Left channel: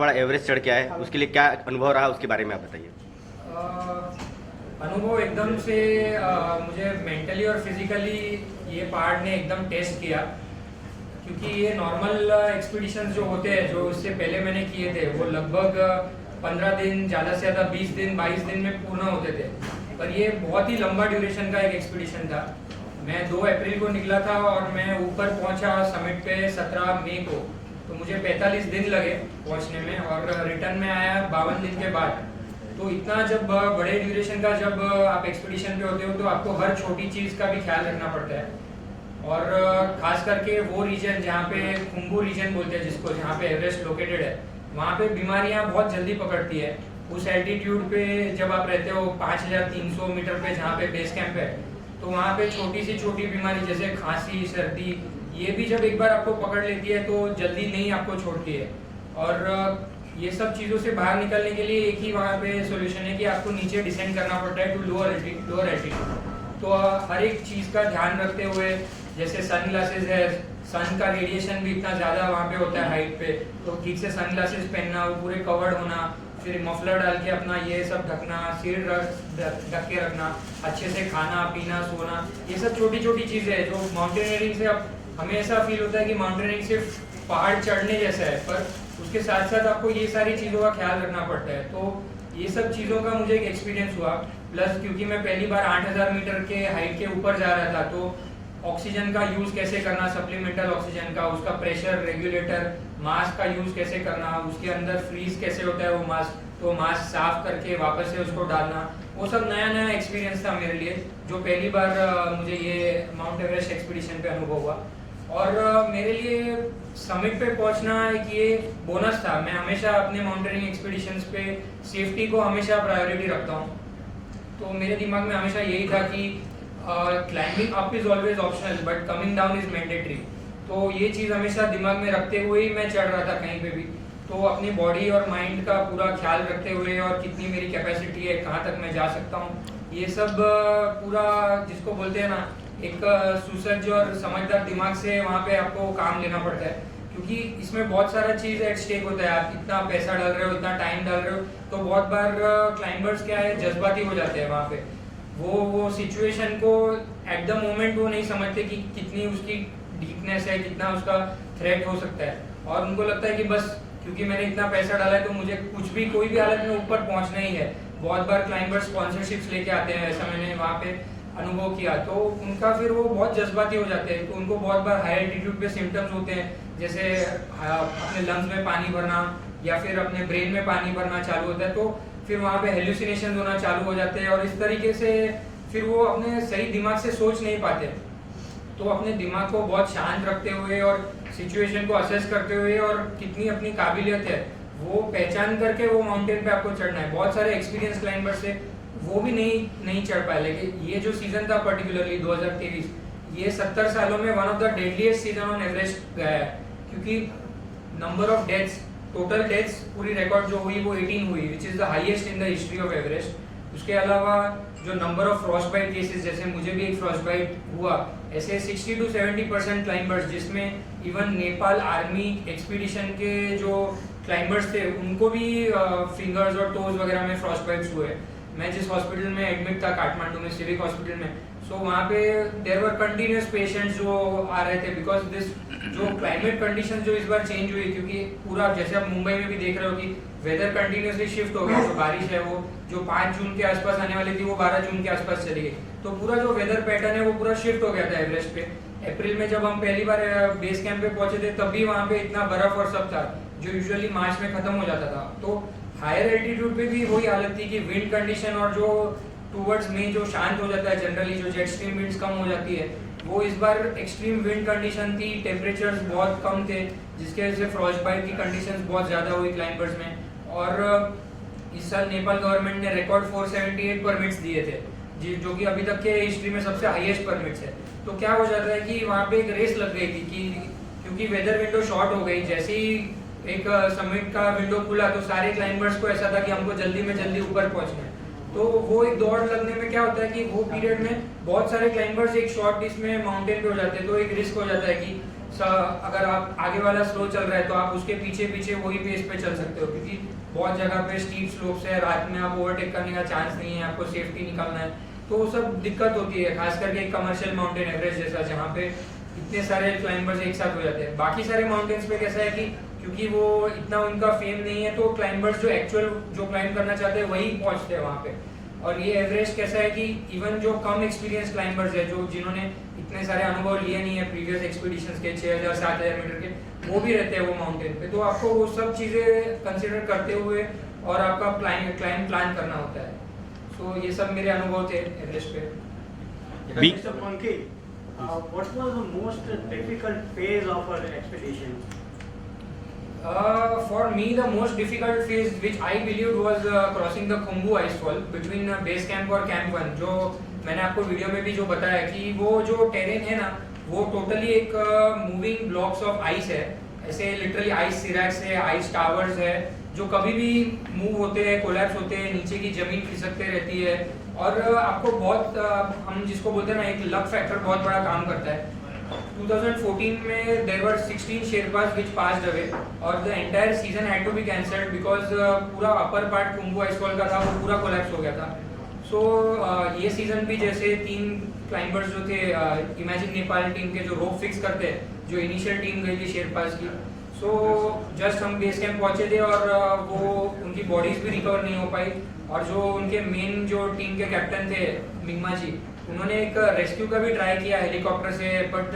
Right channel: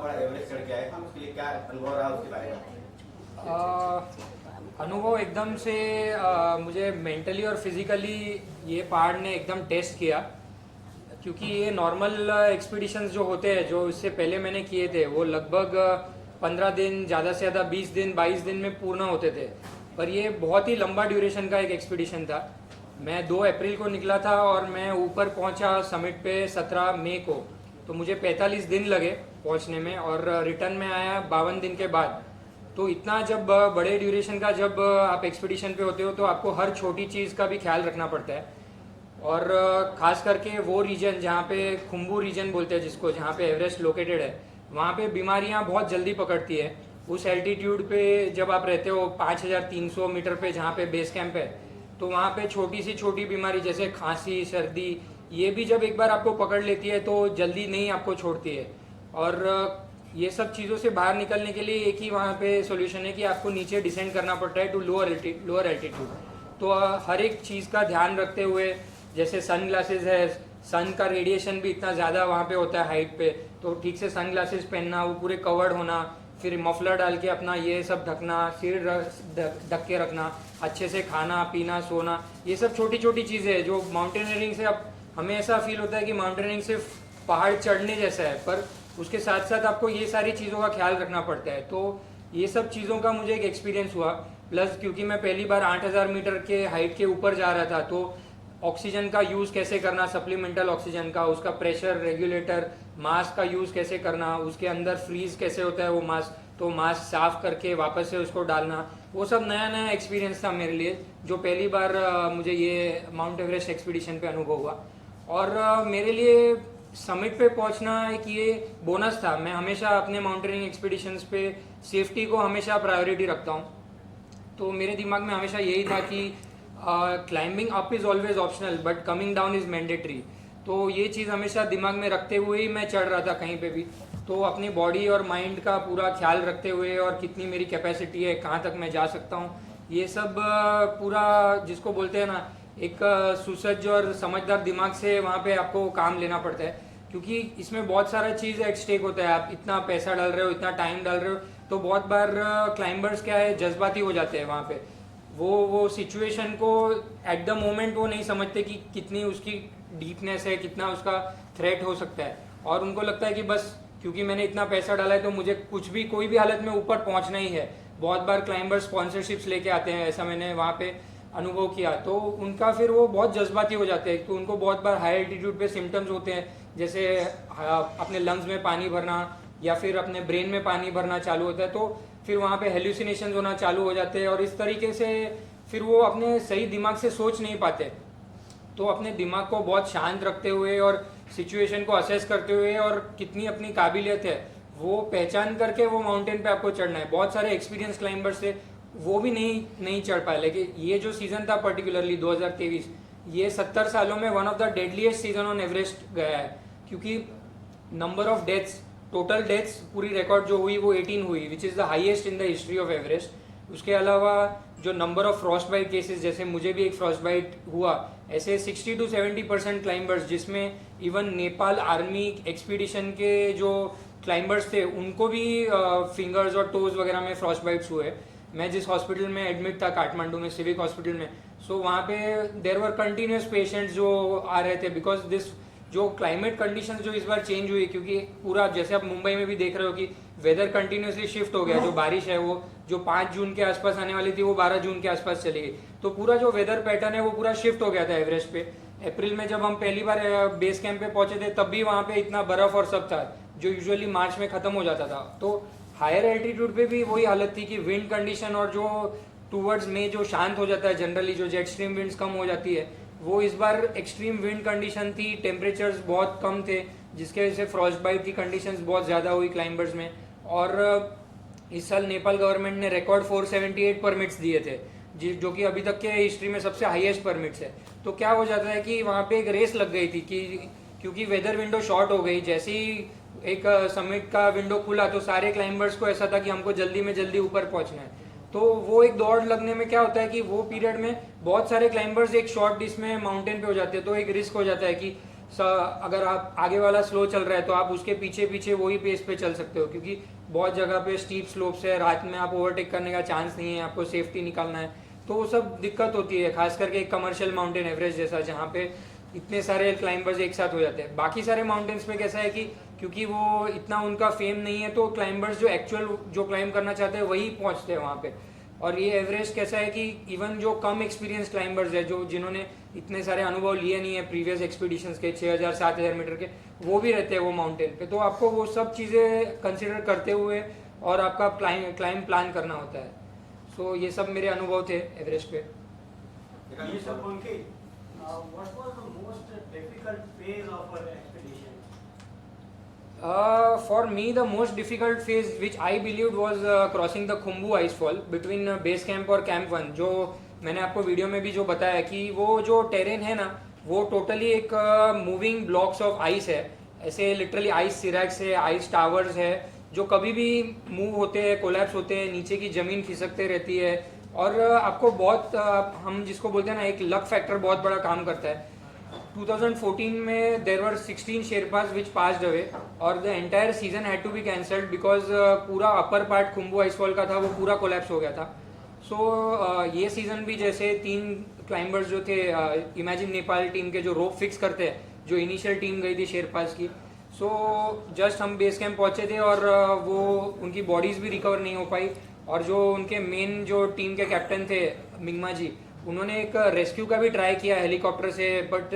बड़ा एवरेस्ट चढ़ के आए, उसके लिए क्या अनुभव रहा, उसके बारे में आप बताइए। अनुभव एकदम से मुझे मेंटली और फिजिकली ये पहाड़ ने एकदम टेस्ट किया, क्योंकि ये नॉर्मल एक्सपीडिशंस जो होते हैं जो इससे पहले मैंने किए थे वो लगभग 15 दिन, ज़्यादा से ज़्यादा 20 दिन 22 दिन में पूर्ण होते थे, पर ये बहुत ही लंबा ड्यूरेशन का एक एक्सपीडिशन था। मैं 2 अप्रैल को निकला था और मैं ऊपर पहुंचा समिट पे 17 मई को, तो मुझे 45 दिन लगे पहुंचने में और रिटर्न में आया 52 दिन के बाद। तो इतना जब बड़े ड्यूरेशन का जब आप एक्सपीडिशन पे होते हो तो आपको हर छोटी चीज़ का भी ख्याल रखना पड़ता है, और खास करके वो रीजन जहाँ पे खुंबू रीजन बोलते हैं जिसको, जहाँ पे एवरेस्ट लोकेटेड है, वहाँ पे बीमारियाँ बहुत जल्दी पकड़ती है। उस एल्टीट्यूड पे जब आप रहते हो 5300 मीटर पे जहाँ पे बेस कैंप है, तो वहाँ पे छोटी से छोटी बीमारी जैसे खांसी, सर्दी, ये भी जब एक बार आपको पकड़ लेती है तो जल्दी नहीं आपको छोड़ती है। और ये सब चीज़ों से बाहर निकलने के लिए एक ही वहाँ पे सोल्यूशन है कि आपको नीचे डिसेंड करना पड़ता है टू लोअर एल्टीट्यूड। तो हर एक चीज़ का ध्यान रखते हुए, जैसे सन ग्लासेस है, सन का रेडिएशन भी इतना ज़्यादा वहाँ पे होता है हाइट पे, तो ठीक से सन ग्लासेस पहनना, वो पूरे कवर्ड होना, फिर मफलर डाल के अपना ये सब ढकना, सिर ढक के रखना, अच्छे से खाना पीना सोना, ये सब छोटी छोटी चीज़ें हैं जो माउंटेनियरिंग से अब हमें ऐसा फील होता है कि माउंटेनियरिंग सिर्फ पहाड़ चढ़ने जैसा है, पर उसके साथ साथ आपको ये सारी चीज़ों का ख्याल रखना पड़ता है। तो ये सब चीज़ों का मुझे एक एक्सपीरियंस हुआ, प्लस क्योंकि मैं पहली बार 8000 मीटर के हाइट के ऊपर जा रहा था, तो ऑक्सीजन का यूज़ कैसे करना, सप्लीमेंटल ऑक्सीजन का, उसका प्रेशर रेगुलेटर, मास्क का यूज़ कैसे करना, उसके अंदर फ्रीज कैसे होता है वो मास्क, तो मास्क साफ करके वापस से उसको डालना, वो सब नया नया एक्सपीरियंस था मेरे लिए, जो पहली बार मुझे ये माउंट एवरेस्ट एक्सपीडिशन पे अनुभव हुआ। और मेरे लिए समिट पे पहुंचना एक ये बोनस था। मैं हमेशा अपने माउंटेनिंग एक्सपीडिशंस पे सेफ्टी को हमेशा प्रायोरिटी रखता हूँ, तो मेरे दिमाग में हमेशा यही था कि climbing up is always optional but coming down is mandatory. तो ये चीज़ हमेशा दिमाग में रखते हुए ही मैं चढ़ रहा था कहीं पे भी, तो अपनी बॉडी और माइंड का पूरा ख्याल रखते हुए और कितनी मेरी कैपेसिटी है, कहाँ तक मैं जा सकता हूँ, ये सब पूरा जिसको बोलते हैं ना एक सुसज्ज और समझदार दिमाग से वहाँ पे आपको काम लेना पड़ता है, क्योंकि इसमें बहुत सारा चीज़ एट स्टेक होता है। आप इतना पैसा डाल रहे हो, इतना टाइम डाल रहे हो, तो बहुत बार क्लाइंबर्स क्या है जज्बाती हो जाते हैं वहाँ पे, वो सिचुएशन को एट द मोमेंट वो नहीं समझते कि कितनी उसकी डीपनेस है, कितना उसका थ्रेट हो सकता है, और उनको लगता है कि बस क्योंकि मैंने इतना पैसा डाला है तो मुझे कुछ भी कोई भी हालत में ऊपर पहुंचना ही है। बहुत बार क्लाइंबर्स स्पॉन्सरशिप्स लेके आते हैं, ऐसा मैंने वहाँ पे अनुभव किया, तो उनका फिर वो बहुत जज्बाती हो जाते हैं, तो उनको बहुत बार हाई एल्टीट्यूड पे सिम्टम्स होते हैं, जैसे अपने लंग्स में पानी भरना या फिर अपने ब्रेन में पानी भरना चालू होता है, तो फिर वहाँ पे हेल्यूसिनेशन होना चालू हो जाते हैं, और इस तरीके से फिर वो अपने सही दिमाग से सोच नहीं पाते। तो अपने दिमाग को बहुत शांत रखते हुए और सिचुएशन को असेस करते हुए और कितनी अपनी काबिलियत है वो पहचान करके वो माउंटेन पे आपको चढ़ना है। बहुत सारे एक्सपीरियंस क्लाइंबर्स से वो भी नहीं चढ़ पाए, लेकिन ये जो सीजन था पर्टिकुलरली 2023, ये 70 सालों में one of the deadliest season on Everest गया है, क्योंकि number of deaths, total deaths पूरी रिकॉर्ड जो हुई वो 18 हुई, which is the highest in the history of Everest. उसके अलावा जो number of frostbite cases, जैसे मुझे भी एक फ्रॉस्ट बाइट हुआ, ऐसे 60 to 70% क्लाइंबर्स, जिसमें इवन नेपाल आर्मी एक्सपीडिशन के जो क्लाइंबर्स थे उनको भी फिंगर्स और टोज वगैरह में फ्रॉस्ट बाइट्स हुए। मैं जिस हॉस्पिटल में एडमिट था काठमांडू में, सिविक हॉस्पिटल में, सो वहाँ पे देयर वर कंटिन्यूस पेशेंट्स जो आ रहे थे, बिकॉज दिस जो क्लाइमेट कंडीशन जो इस बार चेंज हुई, क्योंकि पूरा जैसे आप मुंबई में भी देख रहे हो कि वेदर कंटिन्यूसली शिफ्ट हो गया, जो बारिश है वो जो 5 जून के आसपास आने वाली थी वो 12 जून के आसपास चली गई, तो पूरा जो वेदर पैटर्न है वो पूरा शिफ्ट हो गया था एवरेस्ट पे। अप्रैल में जब हम पहली बार बेस कैंप पे पहुंचे थे तब भी वहाँ पे इतना बर्फ और सब था जो यूजुअली मार्च में खत्म हो जाता था। तो हायर एल्टीट्यूड पे भी वही हालत थी कि विंड कंडीशन और जो टूवर्ड्स में जो शांत हो जाता है जनरली, जो जेट स्ट्रीम विंड्स कम हो जाती है, वो इस बार एक्सट्रीम विंड कंडीशन थी, टेम्परेचर्स बहुत कम थे, जिसके वजह से फ्रॉस्ट बाइट की कंडीशंस बहुत ज़्यादा हुई क्लाइंबर्स में। और इस साल नेपाल गवर्नमेंट ने रिकॉर्ड 478 परमिट्स दिए थे, जो कि अभी तक के हिस्ट्री में सबसे हाईएस्ट परमिट्स है। तो क्या हो जाता है कि वहाँ पे एक रेस लग गई थी कि क्योंकि वेदर विंडो शॉर्ट हो गई, जैसे ही एक समिट का विंडो खुला तो सारे क्लाइंबर्स को ऐसा था कि हमको जल्दी में जल्दी ऊपर पहुंचना है। तो वो एक दौड़ लगने में क्या होता है कि वो पीरियड में बहुत सारे क्लाइंबर्स एक शॉर्ट डिस्टेंस में माउंटेन पे हो जाते हैं, तो एक रिस्क हो जाता है कि अगर आप आगे वाला स्लो चल रहा है तो आप उसके पीछे पीछे वही पेस पे चल सकते हो, क्योंकि बहुत जगह पे स्टीप स्लोप्स है, रात में आप ओवरटेक करने का चांस नहीं है, आपको सेफ्टी निकालना है, तो वो सब दिक्कत होती है, खास करके एक कमर्शियल माउंटेन एवरेस्ट जैसा जहाँ पे इतने सारे क्लाइंबर्स एक साथ हो जाते हैं। बाकी सारे माउंटेन्स पे कैसा है कि क्योंकि वो इतना उनका फेम नहीं है, तो क्लाइंबर्स जो एक्चुअल जो क्लाइंब करना चाहते हैं वही पहुंचते हैं वहाँ पे। और ये एवरेस्ट कैसा है कि इवन जो कम एक्सपीरियंस क्लाइंबर्स है, जो जिन्होंने इतने सारे अनुभव लिए नहीं है प्रीवियस एक्सपीडिशंस के 6000 7000 मीटर के, वो भी रहते हैं वो माउंटेन पे। तो आपको वो सब चीज़ें कंसिडर करते हुए और आपका क्लाइंब प्लान करना होता है। सो ये सब मेरे अनुभव थे एवरेस्ट पे। Mr. Monkey, what was the most difficult phase of our expedition? For me, the most difficult phase, which I believed, was crossing the Khumbu Icefall between base camp और camp 1. जो मैंने आपको वीडियो में भी जो बताया कि वो जो टेरेन है ना, वो टोटली एक मूविंग ब्लॉक्स ऑफ आइस है, ऐसे लिटरली आइस सिरैक्स है, आइस टावर्स है, जो कभी भी मूव होते हैं, कोलैप्स होते हैं, नीचे की जमीन खिसकते रहती है, और आपको बहुत हम जिसको बोलते हैं ना, एक लक फैक्टर बहुत बड़ा काम करता है। 2014 में there were 16 Sherpas which passed away और the entire season had to be cancelled because पूरा अपर पार्ट खुम्बू आइसफॉल का था वो पूरा कोलैप्स हो गया था। सो ये सीजन भी जैसे 3 क्लाइंबर्स जो थे इमेजिन नेपाल टीम के, जो रोप फिक्स करते हैं, जो इनिशियल टीम गई थी शेरपास की, सो जस्ट हम बेस कैंप पहुंचे थे और वो उनकी बॉडीज भी रिकवर नहीं हो पाई। और जो उनके मेन जो टीम के कैप्टन थे मिंगमा जी, उन्होंने एक रेस्क्यू का भी ट्राई किया हेलीकॉप्टर से, बट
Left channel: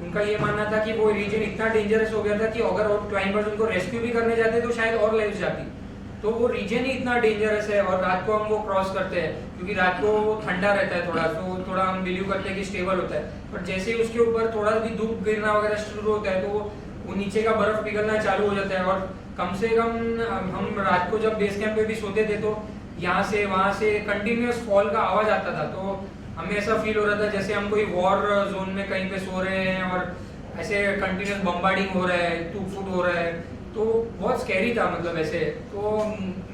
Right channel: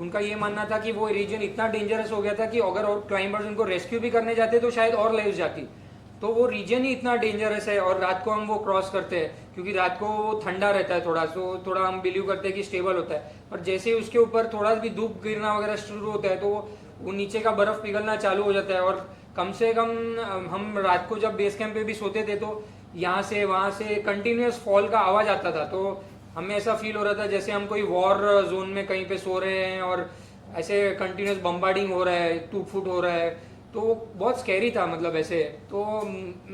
उनका ये मानना था कि वो रीजन इतना डेंजरस हो गया था कि अगर और क्लाइंबर्स उनको रेस्क्यू भी करने जाते तो शायद और लाइफ जाती। तो वो रीजन ही इतना डेंजरस है, और रात को हम वो क्रॉस करते हैं क्योंकि रात को वो ठंडा रहता है थोड़ा, तो थोड़ा हम बिलीव करते हैं कि स्टेबल होता है, और जैसे ही उसके ऊपर थोड़ा भी धूप गिरना वगैरह शुरू होता है तो वो नीचे का बर्फ पिघलना चालू हो जाता है। और कम से कम हम रात को जब बेस कैंप पे भी सोते थे तो यहाँ से वहाँ से कंटिन्यूस फॉल का आवाज आता था, तो हमें ऐसा फील हो रहा था जैसे हम कोई वॉर जोन में कहीं पे सो रहे हैं और ऐसे कंटिन्यूस बम्बार्डिंग हो रहा है, टूट फूट हो रहा है, तो बहुत स्कैरी था मतलब ऐसे। तो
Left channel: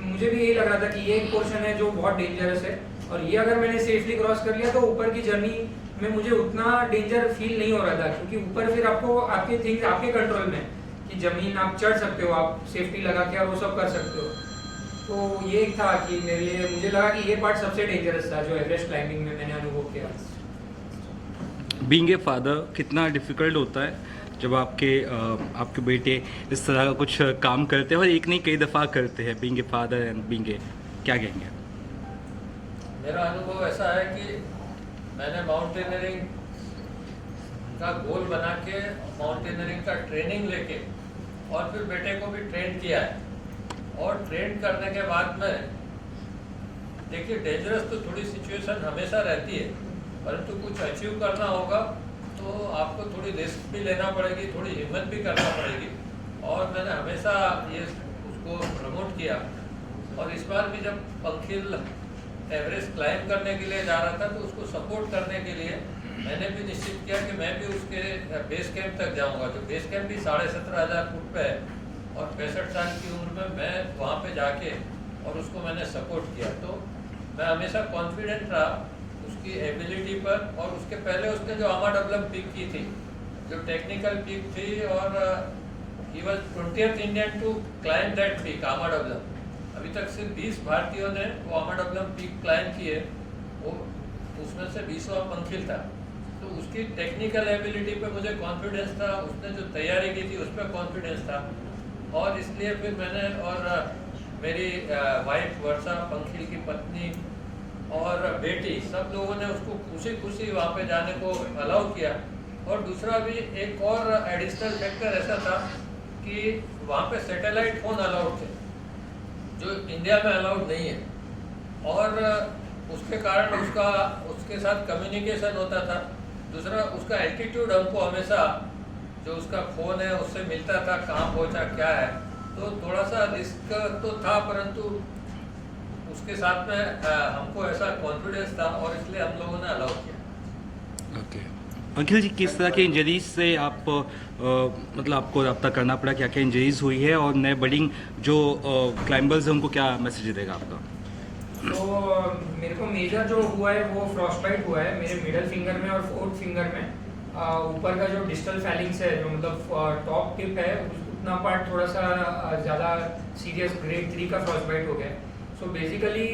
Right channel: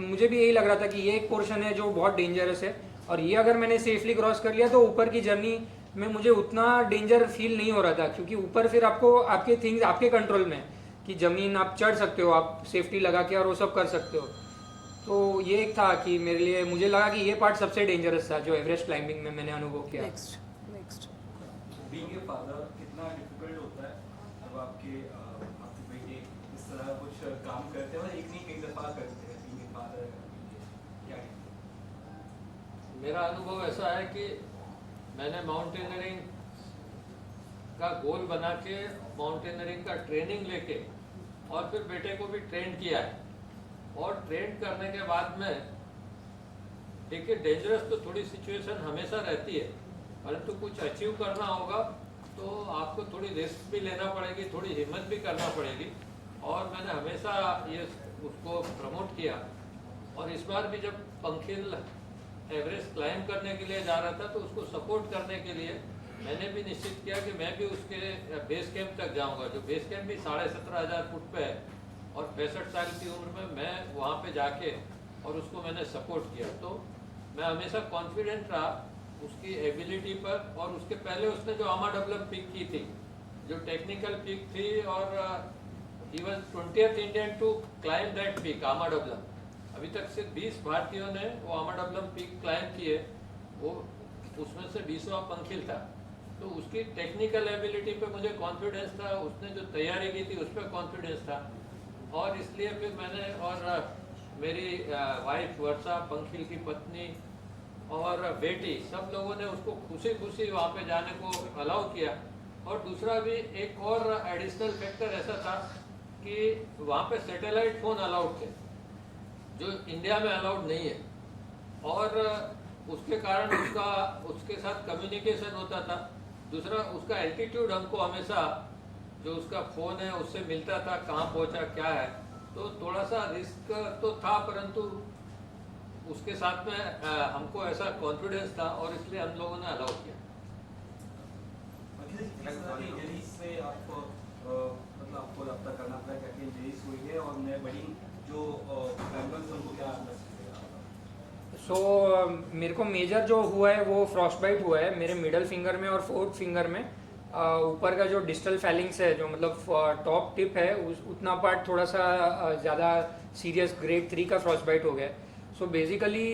मुझे भी यही लग रहा था कि ये एक पोर्शन है जो बहुत डेंजरस है, और ये अगर मैंने सेफली क्रॉस कर लिया तो ऊपर की जर्नी में मुझे उतना डेंजर फील नहीं हो रहा था, क्योंकि ऊपर फिर आपको आपके थिंग्स आपके कंट्रोल में, कि जमीन आप चढ़ सकते हो, आप सेफ्टी लगा के और वो सब कर सकते हो। तो ये एक था कि मेरे लिए मुझे लगा कि ये पार्ट सबसे डेंजरस था जो एवरेस्ट क्लाइंबिंग में मैंने अनुभव किया। बीइंग ए फादर कितना डिफ़िकल्ट होता है जब आपके बेटे इस तरह का कुछ काम करते हैं, और एक नहीं कई दफ़ा करते हैं, being a father and being a, क्या कहेंगे? मेरा अनुभव ऐसा है कि मैंने माउंटेनियरिंग का गोल बना के माउंटेनियरिंग का ट्रेनिंग लेके और फिर बेटे को भी ट्रेन किया है, और ट्रेन करने के बाद में देखिए डेंजरस तो थोड़ी सिचुएशन हमेशा रहती है, परंतु कुछ अचीव करना होगा तो आपको थोड़ी रिस्क भी लेना पड़ेगी, थोड़ी हिम्मत भी करना पड़ेगी, और मैंने हमेशा ये उसको प्रमोट किया। और इस बार भी जब पंखिल एवरेस्ट क्लाइंब करने के लिए जा रहा था तो उसको सपोर्ट करने के लिए मैंने भी निश्चित किया कि मैं भी उसके बेस कैंप तक जाऊंगा, जो बेस कैंप भी 17,500 फुट पे है, और 65 साल की उम्र में मैं वहाँ पे जाके और उसको मैंने सपोर्ट किया। तो मैं हमेशा कॉन्फिडेंट रहा उसकी एबिलिटी पर, और उसके पहले उसने जो आमाडब्लम पिक की थी, जो टेक्निकल पिक थी, और he was 20th Indian to climb that peak Ama Dablam. अभी तक सिर्फ 20 भारतीयों ने वो आमाडब्लम पिक क्लाइंब की है, वो उसमें से 20वां पंखिल था। तो उसकी टेक्निकल एबिलिटी पे मुझे कॉन्फिडेंस था, उसने जो तैयारी की थी उस पर कॉन्फिडेंस था, और इसलिए फिर मैंने और मेरी वाइफ वर्षा, पंखिल की पत्नी और बेटी, सब लोगों ने उसको खुशी खुशी वहाँ पे जाने को अलाउ किया। और दूसरा भी एक और एडिशनल फैक्टर ऐसा था कि वहाँ पे सैटेलाइट फ़ोन अलाउड थे, जो इंडिया में अलाउड नहीं है, और उसके कारण उसके साथ कम्युनिकेशन होता था। दूसरा उसका एल्टीट्यूड हमको हमेशा, जो उसका फ़ोन है उससे मिलता था, कहाँ पहुँचा क्या है, तो थोड़ा सा रिस्क तो था, परंतु उसके साथ में हमको ऐसा कॉन्फिडेंस था, और इसलिए हम लोगों ने अलाउ किया। ओके अंकिल जी, किस तरह के इंजरीज से आप मतलब आपको रब्ता करना पड़ा, क्या क्या इंजरीज हुई है, और नए बडिंग जो क्लाइंबर्स हैं उनको क्या मैसेज देगा आपका? तो मेरे को मेजर जो हुआ है वो फ्रॉस्ट बाइट हुआ है मेरे मिडल फिंगर में और फोर्थ फिंगर में। ऊपर का जो डिस्टल फैलिंग्स है, जो मतलब टॉप टिप है, उतना पार्ट थोड़ा सा ज़्यादा सीरियस ग्रेड 3 का फ्रॉस्ट बाइट हो गया है। सो बेसिकली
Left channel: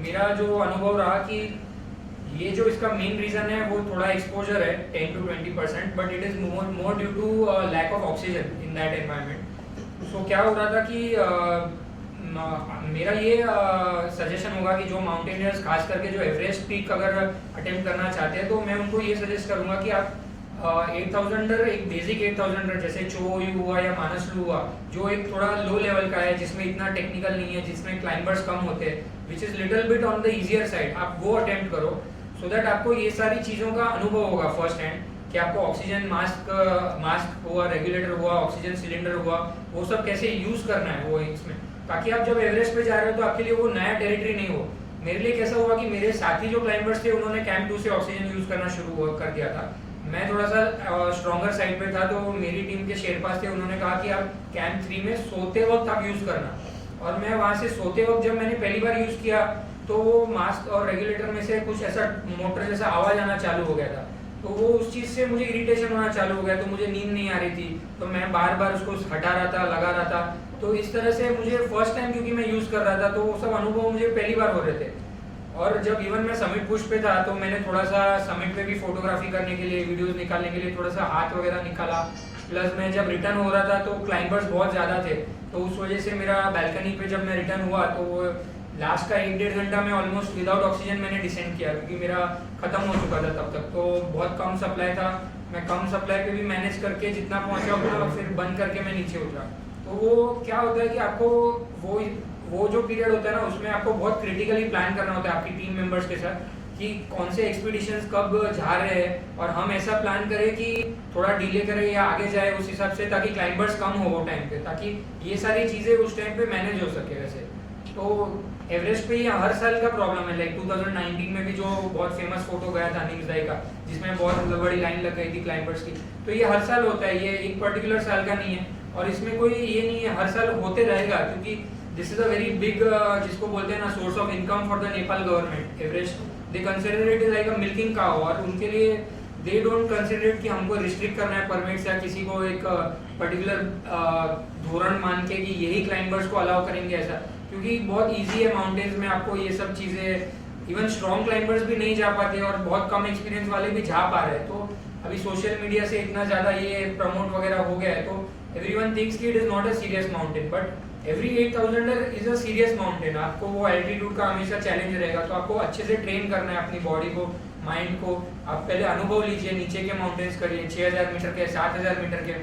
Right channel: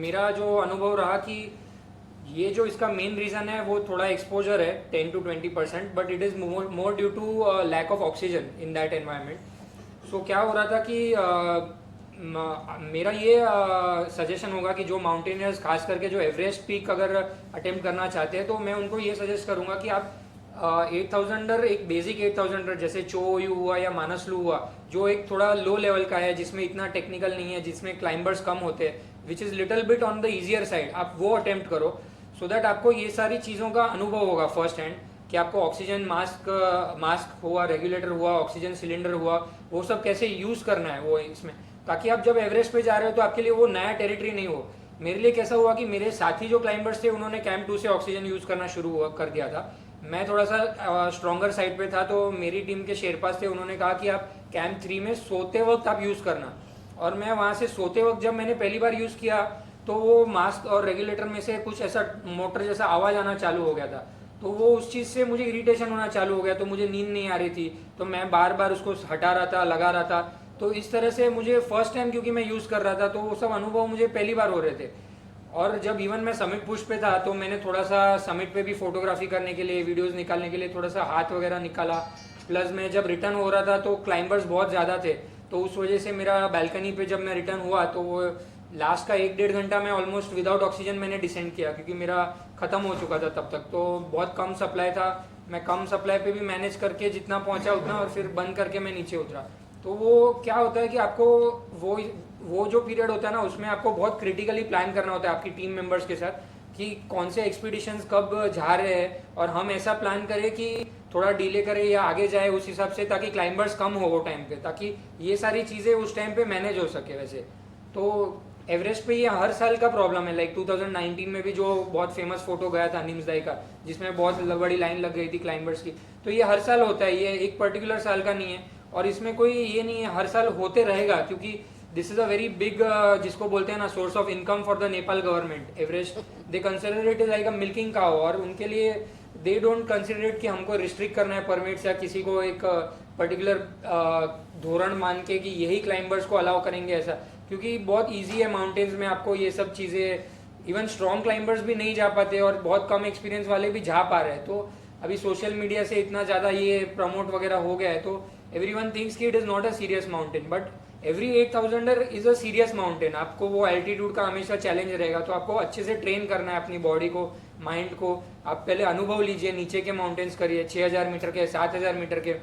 मेरा जो अनुभव रहा कि ये जो इसका मेन रीज़न है वो थोड़ा एक्सपोजर है 10 to 20%, but it is more due to lack of oxygen in that environment. So क्या हो रहा था कि मेरा ये सजेशन होगा कि जो माउंटेनियर्स खास करके जो एवरेस्ट पीक अगर अटेम्प्ट करना चाहते हैं तो मैं उनको ये सजेस्ट करूंगा कि आप 8000 एक बेसिक 8000 जैसे चोयू हुआ या मानसलू हुआ, जो एक थोड़ा लो लेवल का है, जिसमें इतना टेक्निकल नहीं है, जिसमें क्लाइंबर्स कम होते हैं, which is little bit on the easier side, आप वो अटेम्प्ट करो सो दैट आपको ये सारी चीज़ों का अनुभव होगा फर्स्ट हैंड कि आपको ऑक्सीजन मास्क हुआ, रेगुलेटर हुआ, ऑक्सीजन सिलेंडर हुआ, वो सब कैसे यूज़ करना है वो इसमें, ताकि आप जब एवरेस्ट पे जा रहे हो तो आपके लिए वो नया टेरिटरी नहीं हो। मेरे लिए कैसा हुआ कि मेरे साथी जो क्लाइंबर्स थे उन्होंने कैंप 2 से ऑक्सीजन यूज़ करना शुरू कर दिया था, मैं थोड़ा सा स्ट्रॉन्गर साइड पे था, तो मेरी टीम के शेरपास थे, उन्होंने कहा कि आप कैंप 3 में सोते वक्त आप यूज़ करना, और मैं वहाँ से सोते वक्त जब मैंने पहली बार यूज़ किया तो वो मास्क और रेगुलेटर में से कुछ ऐसा मोटर जैसा आवाज़ आना चालू हो गया था, तो वो उस चीज़ से मुझे इरिटेशन होना चालू हो गया, तो मुझे नींद नहीं आ रही थी, तो मैं बार बार उसको हटा रहा था, लगा रहा था। तो इस तरह से मुझे फर्स्ट टाइम क्योंकि मैं यूज़ कर रहा था तो वो सब अनुभव मुझे पहली बार हो रहे थे। और जब इवन मैं समिट पुश पे था तो मैंने थोड़ा सा समिट पे भी फोटोग्राफी करने के लिए, वीडियोस निकालने के लिए थोड़ा सा हाथ वगैरह निकाला, प्लस मैं जब रिटर्न हो रहा था तो क्लाइंबर्स बहुत ज़्यादा थे, तो उस वजह से मेरा बैल्कनी पे जब मैं रिटर्न हुआ तो लास्ट का 1-1.5 घंटा मैं ऑलमोस्ट विदाउट ऑक्सीजन मैंने डिसेंड किया, क्योंकि मेरा ख़त्म हो चुका था तब तक, तो बहुत कम सप्लाई था। मैं कम सप्लाई पे भी मैनेज करके जितना पहुंचा उतना फिर बंद करके मैं नीचे उतरा। तो वो क्या होता है कि आपको वो जो पीरियड होता है ना, उसमें आपको बहुत क्रिटिकली प्लान करना होता है आपकी टीम मेंबर्स के साथ कि कौन से एक्सपीडिशंस कब जा रहे हैं, और हम ऐसा प्लान करें कि थोड़ा डिले करें या आगे जाए उस हिसाब से, ताकि क्लाइंबर्स कम हो वो टाइम पे, ताकि ये सारी चीज़ें उस टाइम पे मैनेज हो सके। वैसे तो एवरेस्ट पे ये हर साल का प्रॉब्लम है, लाइक 2019 में भी जो बहुत फेमस फोटो गया था निम्सदाई का, जिसमें बहुत मतलब बड़ी लाइन लग गई थी क्लाइंबर्स की, तो ये हर साल होता है, ये एक पर्टिकुलर साल का नहीं है, और इसमें कोई ये नहीं है, हर साल होते रहेगा, क्योंकि this is a very big जिसको बोलते हैं ना source of income for the Nepal government. Everest they consider it like a milking cow, और उनके लिए दे डोंट कंसिडर इट कि हमको रिस्ट्रिक्ट करना है परमिट्स या किसी को एक पर्टिकुलर धोरण मान के कि यही क्लाइंबर्स को अलाउ करेंगे ऐसा, क्योंकि बहुत ईजी है माउंटेन्स में आपको ये सब चीज़ें, इवन स्ट्रॉन्ग क्लाइंबर्स भी नहीं जा पाते और बहुत कम एक्सपीरियंस वाले भी जा पा रहे हैं। तो अभी सोशल मीडिया से इतना ज़्यादा ये प्रमोट वगैरह हो गया है, तो एवरीवन थिंक्स कि it is not a serious mountain, but every 8000 is a serious mountain. आपको वो एल्टीट्यूड का हमेशा चैलेंज रहेगा, तो आपको अच्छे से ट्रेन करना है अपनी बॉडी को, माइंड को। आप पहले अनुभव लीजिए, नीचे के माउंटेन्स करिए 6000 मीटर के, 7000 मीटर के,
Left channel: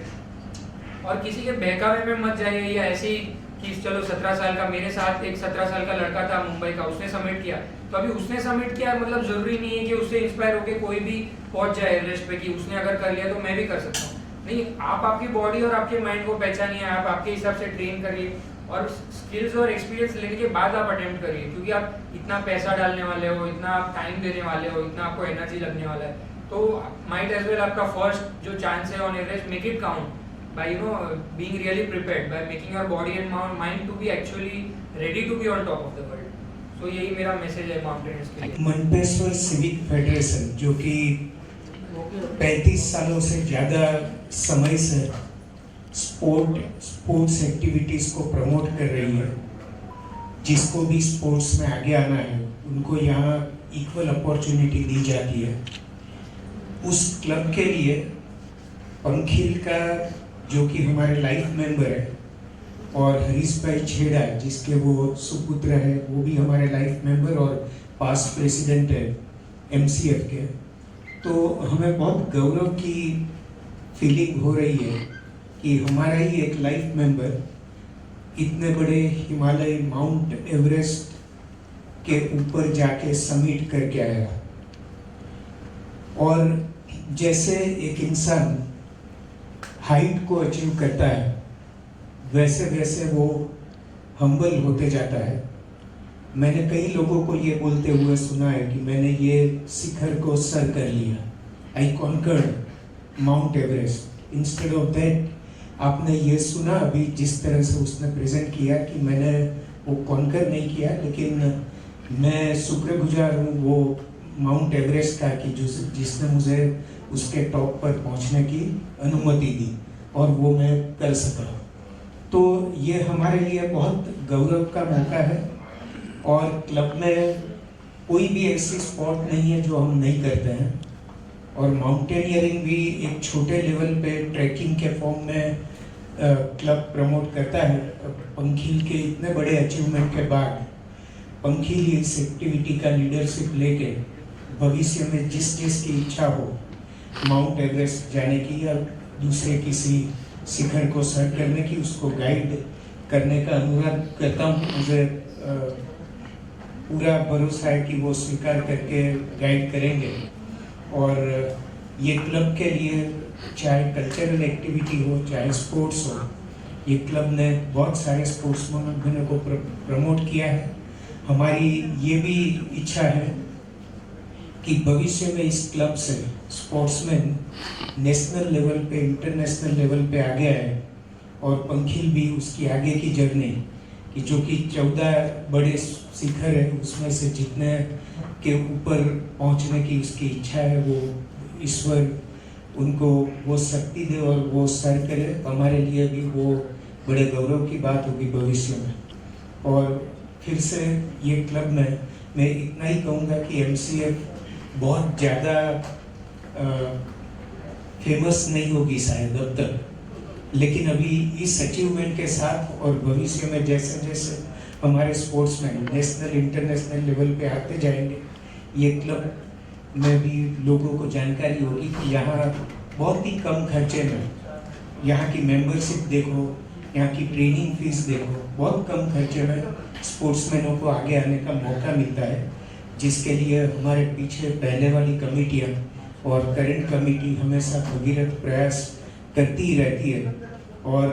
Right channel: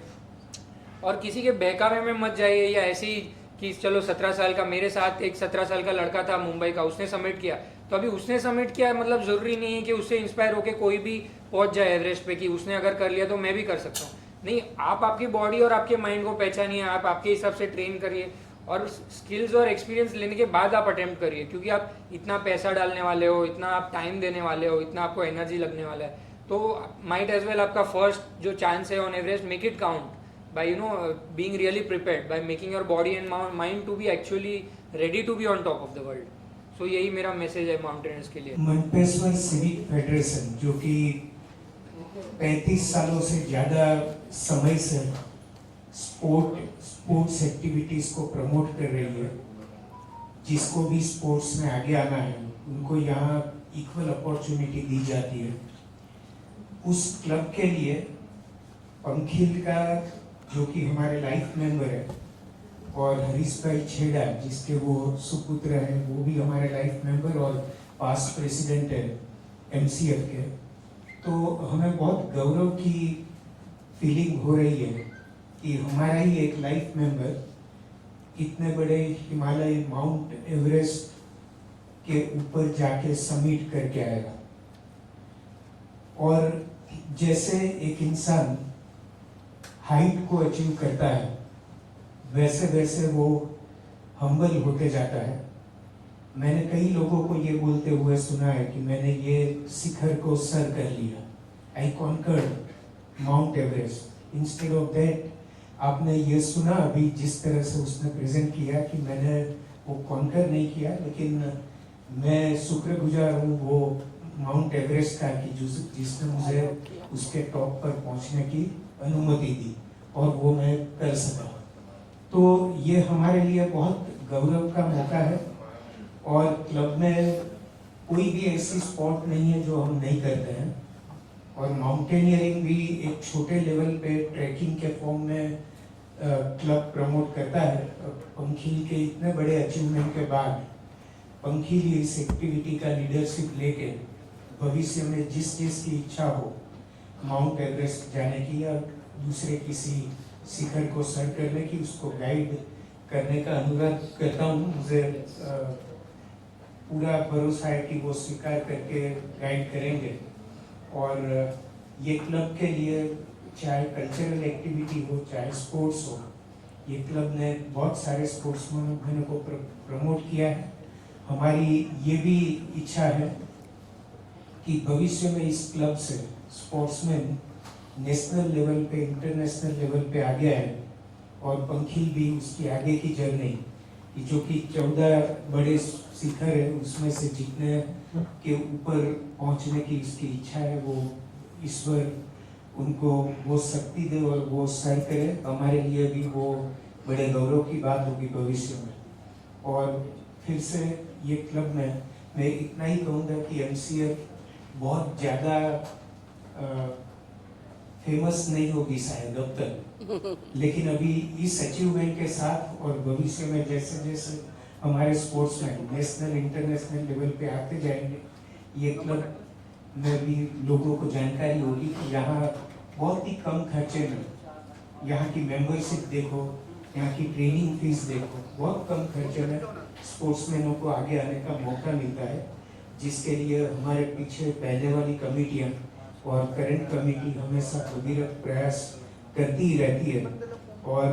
और किसी के बहकावे में मत जाइए या ऐसे ही कि चलो 17 साल का, मेरे साथ एक 17 साल का लड़का था मुंबई का, उसने सबमिट किया, तो अभी उसने सबमिट किया मतलब जरूरी नहीं है कि उससे इंस्पायर होकर कोई भी पहुंच जाए एवरेस्ट पे, कि उसने अगर कर लिया तो मैं भी कर सकता हूँ। नहीं, आप आपकी बॉडी और आपके माइंड को पहचानिए, आप आपके हिसाब से ट्रेन करिए, और स्किल्स और एक्सपीरियंस लेने के बाद आप अटेम्प्ट करिए, क्योंकि आप इतना पैसा डालने वाले हो, इतना आप टाइम देने वाले हो, इतना आपको एनर्जी लगने वाला है, तो माइट एज वेल आपका फर्स्ट जो चांस है on Everest, make it count by being really prepared, by making your body and mind to be actually ready to be on top of the world. So यही मेरा message है mountaineers के लिए। मनपेश्वर civic federation जो कि 35 सालों से ज़्यादा समय से स्पोर्ट्स एक्टिविटीज़ को प्रमोट कर रही है, जिसको भी स्पोर्ट्स में आगे आना है उनको यहाँ इक्वल अपॉर्चुनिटी दी जाती है। उस क्लब के लिए पंखिल का जो कि हमारे लाइफ मेंबर है, और हरीश भाई छेड़ा जिसके वो सुपुत्र है, वो भी हमारे लाइफ मेंबर और पास्ट प्रेसिडेंट है MCF के, तो हमें बहुत गौरव की फीलिंग हो रही है कि हमारा ही एक लाइफ मेंबर इतने बड़े हिमालय माउंट एवरेस्ट के ऊपर जाके समिट करके आया। और जैसे एक इंसान हाइट को अचीव करता है, वैसे वैसे वो हम्बल होते जाता है। मैंने कई लोगों को ये बोलते हुए सुना है कि मैंने ये शिखर को सर कर लिया, I conquered Mount Everest. Instead of that आपने ये सुना अभी जिस तरह से उसने प्रेजेंट किया कि मैंने वो कॉन्कर नहीं किया, लेकिन मैं शुक्रगुजार हूँ वो माउंट एवरेस्ट था कि जिसने मुझे उसके टॉप पर पहुंचने की अनुमति दी और वो मैं कर सका। तो ये हमारे लिए बहुत गौरव का मौका है और क्लब में कोई भी ऐसी स्पोर्ट नहीं है जो हम नहीं करते हैं। और माउंटेनियरिंग भी एक छोटे लेवल पे ट्रैकिंग के फॉर्म में क्लब प्रमोट करता है। पंखील के इतने बड़े अचीवमेंट के बाद पंखील इस एक्टिविटी का लीडरशिप लेके भविष्य में जिस चीज़ की इच्छा हो, माउंट एवरेस्ट जाने की या दूसरे किसी शिखर को सर करने की, उसको गाइड करने का अनुरोध करता हूँ। मुझे पूरा भरोसा है कि वो स्वीकार करके गाइड करेंगे। और ये क्लब के लिए चाहे कल्चरल एक्टिविटी हो चाहे स्पोर्ट्स हो, ये क्लब ने बहुत सारे स्पोर्ट्समैन को प्रमोट किया है। हमारी ये भी इच्छा है कि भविष्य में इस क्लब से स्पोर्ट्समैन नेशनल लेवल पे, इंटरनेशनल लेवल पे आगे आए और पंखील भी उसकी आगे की जर्नी कि जो कि 14 बड़े शिखर है उसमें से जितने के ऊपर पहुंचने की उसकी इच्छा है, वो ईश्वर उनको वो शक्ति दे और वो सर करे। हमारे लिए भी वो बड़े गौरव की बात होगी भविष्य में। और फिर से ये क्लब में मैं इतना ही कहूँगा कि MCF बहुत ज़्यादा फेमस नहीं होगी शायद अब तक, लेकिन अभी इस अचीवमेंट के साथ और भविष्य में जैसे जैसे हमारे स्पोर्ट्समैन नेशनल इंटरनेशनल लेवल पे आते जाएंगे, ये क्लब में भी लोगों को जानकारी होगी कि यहाँ बहुत ही कम खर्चे में यहाँ की मेंबरशिप देखो, यहाँ की ट्रेनिंग फीस देखो, बहुत कम खर्चे में स्पोर्ट्समैनों को आगे आने का मौका मिलता है, जिसके लिए हमारे पीछे पहले वाली कमेटियाँ और करंट कमेटी हमेशा भगीरथ प्रयास करती ही रहती है। और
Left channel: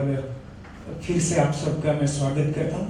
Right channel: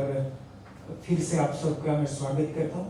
फिर से आप सबका मैं स्वागत करता हूँ।